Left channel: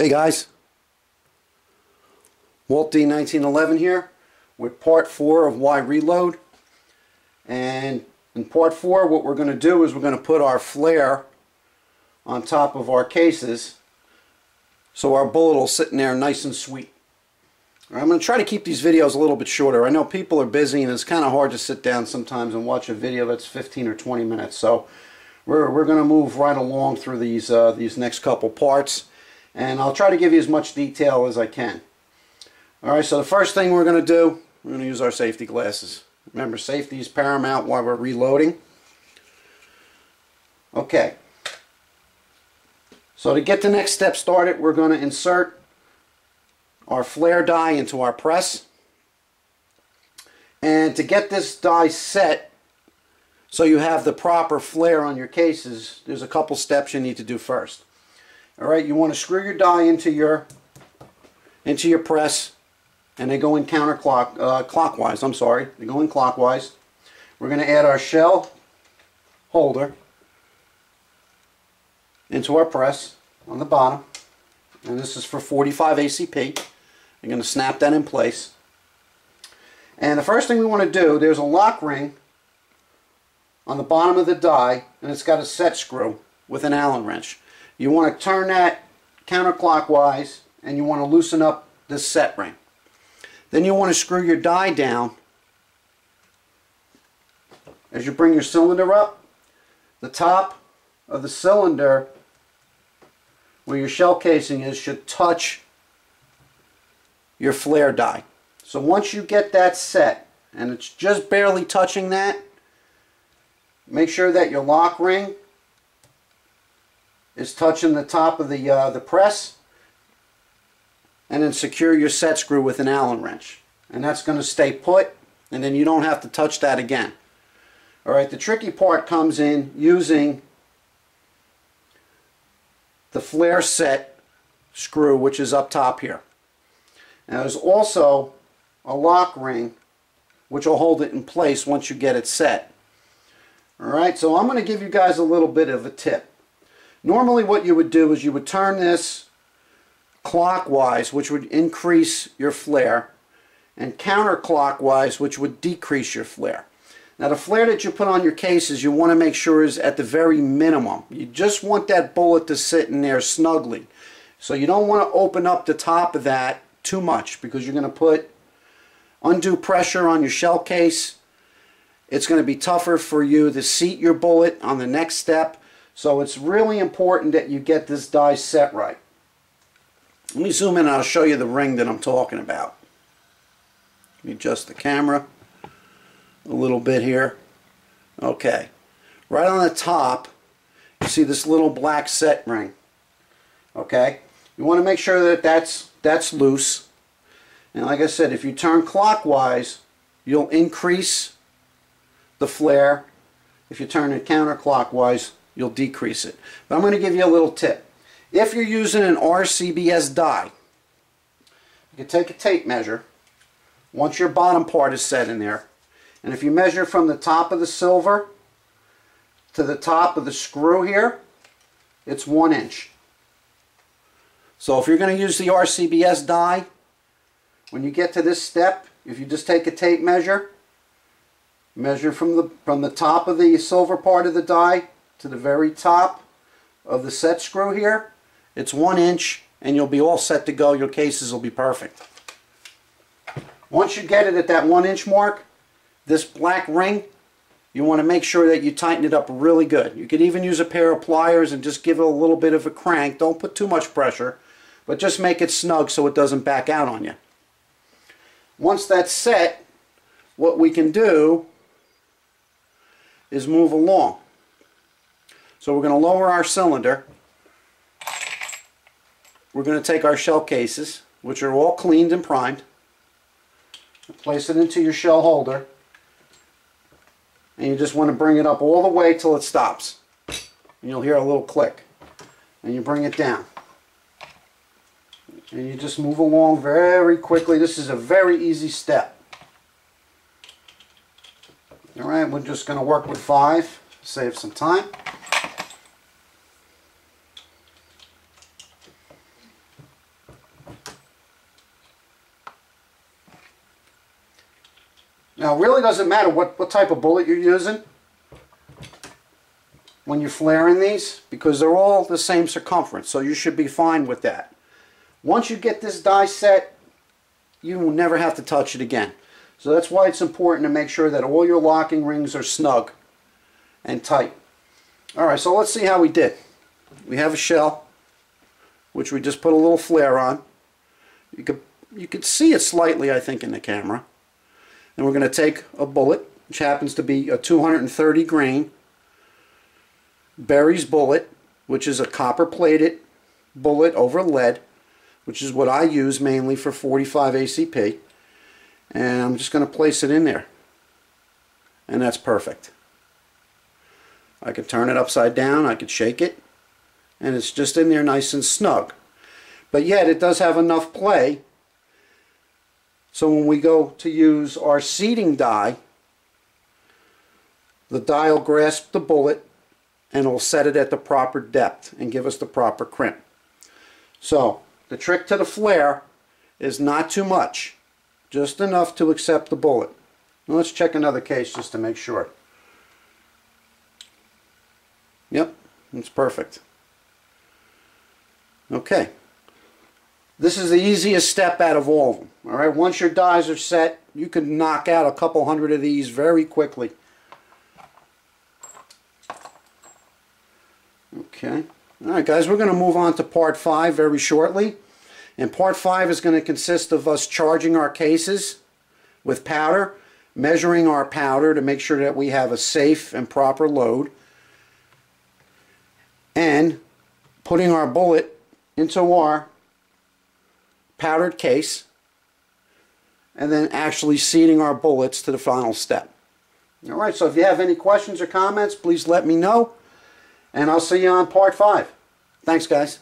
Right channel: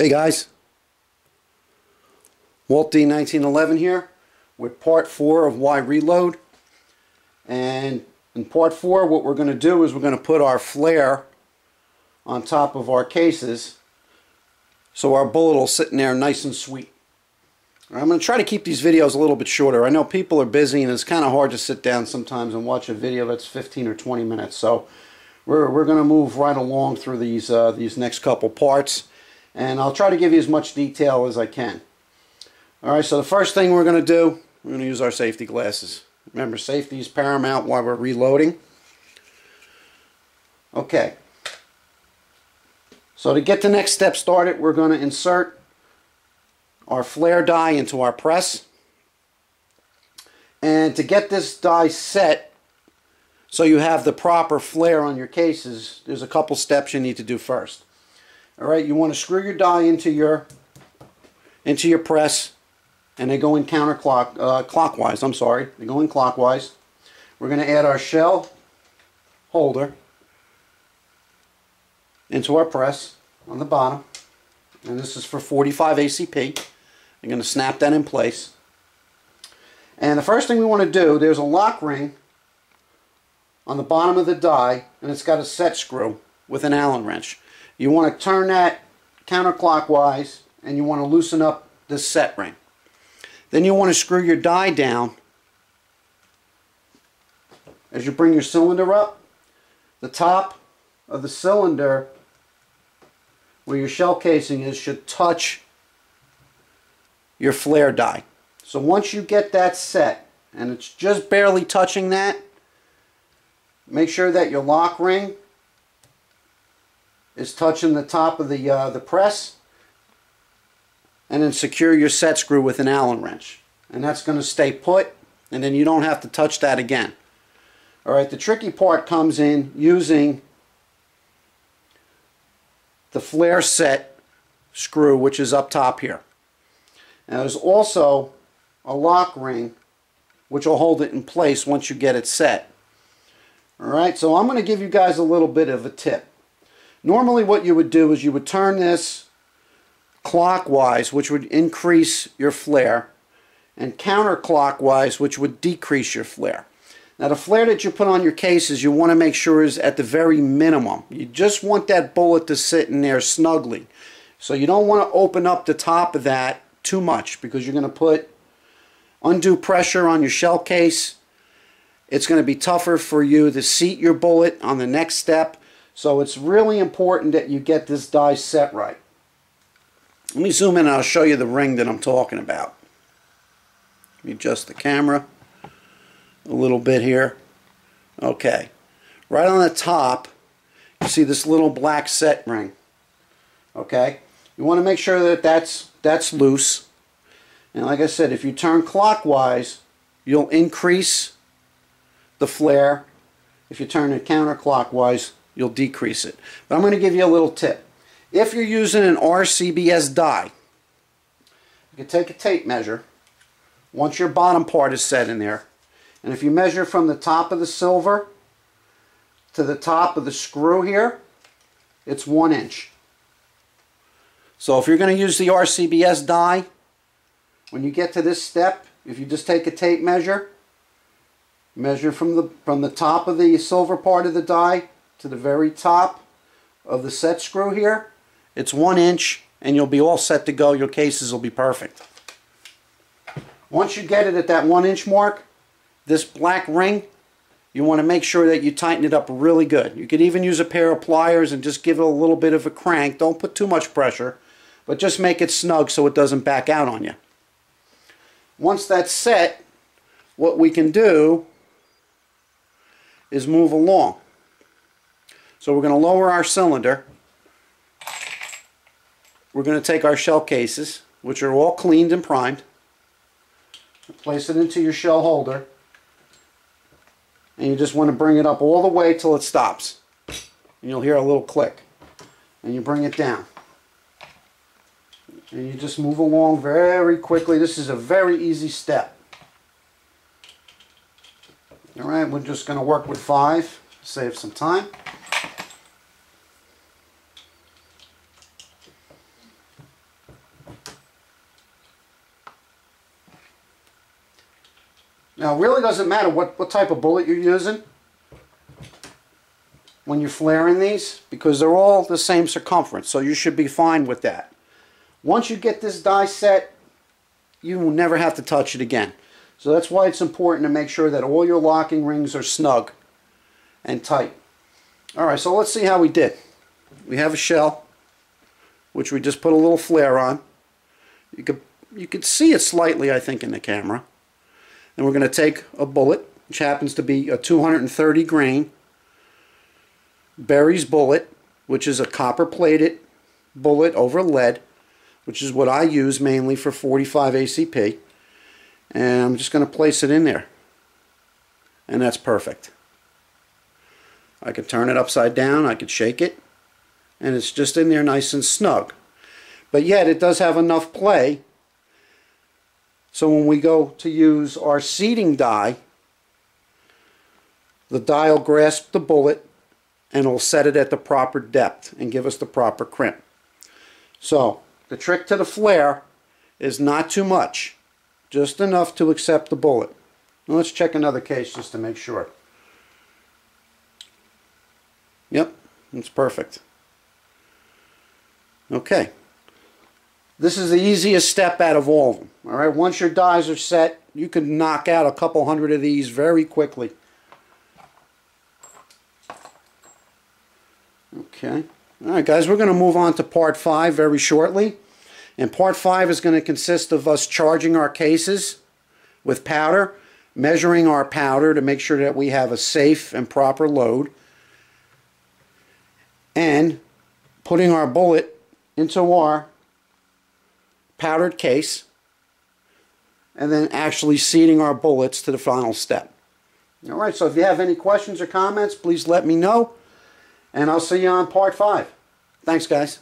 Hey guys, Walt D 1911 here with part 4 of Why Reload. And in part 4 what we're going to do is we're going to put our flare on top of our cases so our bullet will sit in there nice and sweet. I'm going to try to keep these videos a little bit shorter. I know people are busy and it's kind of hard to sit down sometimes and watch a video that's 15 or 20 minutes. So we're going to move right along through these next couple parts. And I'll try to give you as much detail as I can. Alright, so the first thing we're going to do, we're going to use our safety glasses. Remember, safety is paramount while we're reloading. Okay. So to get the next step started, we're going to insert our flare die into our press. And to get this die set so you have the proper flare on your cases, there's a couple steps you need to do first. Alright, you want to screw your die into your press, and they go in clockwise. I'm sorry, they go in clockwise. We're going to add our shell holder into our press on the bottom, and this is for 45 ACP. I'm going to snap that in place. And the first thing we want to do, there's a lock ring on the bottom of the die, and it's got a set screw with an Allen wrench. You want to turn that counterclockwise and you want to loosen up this set ring. Then you want to screw your die down. As you bring your cylinder up, the top of the cylinder where your shell casing is should touch your flare die. So once you get that set and it's just barely touching that, make sure that your lock ring is touching the top of the press, and then secure your set screw with an Allen wrench, and that's going to stay put, and then you don't have to touch that again. Alright, the tricky part comes in using the flare set screw, which is up top here. Now there's also a lock ring which will hold it in place once you get it set. Alright, so I'm going to give you guys a little bit of a tip. Normally what you would do is you would turn this clockwise, which would increase your flare, and counterclockwise, which would decrease your flare. Now the flare that you put on your cases, you want to make sure is at the very minimum. You just want that bullet to sit in there snugly. So you don't want to open up the top of that too much, because you're going to put undue pressure on your shell case. It's going to be tougher for you to seat your bullet on the next step. So it's really important that you get this die set right. Let me zoom in and I'll show you the ring that I'm talking about. Let me adjust the camera a little bit here. Okay. Right on the top, you see this little black set ring. Okay. You want to make sure that that's loose. And like I said, if you turn clockwise, you'll increase the flare. If you turn it counterclockwise, you'll decrease it. But I'm going to give you a little tip. If you're using an RCBS die, you can take a tape measure once your bottom part is set in there, and if you measure from the top of the silver to the top of the screw here, it's 1 inch. So if you're going to use the RCBS die, when you get to this step, if you just take a tape measure, measure from the top of the silver part of the die to the very top of the set screw here, it's 1 inch, and you'll be all set to go. Your cases will be perfect. Once you get it at that 1 inch mark, this black ring, you want to make sure that you tighten it up really good. You could even use a pair of pliers and just give it a little bit of a crank. Don't put too much pressure, but just make it snug so it doesn't back out on you. Once that's set, what we can do is move along. So we're going to lower our cylinder. We're going to take our shell cases, which are all cleaned and primed, place it into your shell holder, and you just want to bring it up all the way till it stops. And you'll hear a little click. And you bring it down. And you just move along very quickly. This is a very easy step. Alright, we're just going to work with 5, save some time. it really doesn't matter what type of bullet you're using when you're flaring these, because they're all the same circumference, so you should be fine with that. Once you get this die set, you will never have to touch it again. So that's why it's important to make sure that all your locking rings are snug and tight. Alright, so let's see how we did. We have a shell, which we just put a little flare on. You could see it slightly, I think, in the camera. Then we're going to take a bullet, which happens to be a 230 grain Berry's bullet, which is a copper-plated bullet over lead, which is what I use mainly for 45 ACP. And I'm just going to place it in there. And that's perfect. I could turn it upside down, I could shake it, and it's just in there nice and snug. But yet it does have enough play, so when we go to use our seating die, the die will grasp the bullet and it'll set it at the proper depth and give us the proper crimp. So the trick to the flare is not too much, just enough to accept the bullet. Now let's check another case just to make sure. Yep, it's perfect. Okay. This is the easiest step out of all of them. Alright, once your dies are set, you can knock out a couple hundred of these very quickly. Okay. Alright guys, we're going to move on to part 5 very shortly. And part 5 is going to consist of us charging our cases with powder, measuring our powder to make sure that we have a safe and proper load, and putting our bullet into our powdered case, and then actually seating our bullets to the final step. Alright, so if you have any questions or comments, please let me know, and I'll see you on part 5. Thanks guys.